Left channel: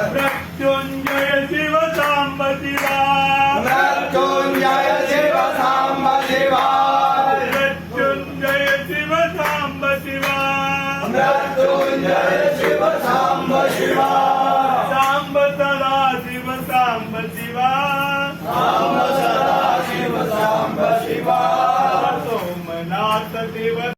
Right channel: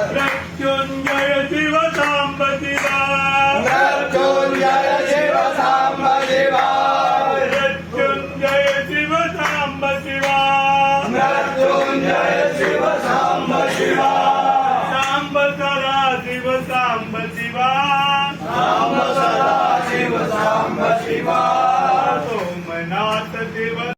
मृत्युंजय शिव सांब शिवा मृत्युंजय शिव सांब शिवा मृत्युंजय शिव सांब शिवा मृत्युंजय शिव सांब शिवा सांब सदा शिव सांब शिवा सांब सदा शिव सांब शिवा सोमनाथ शिव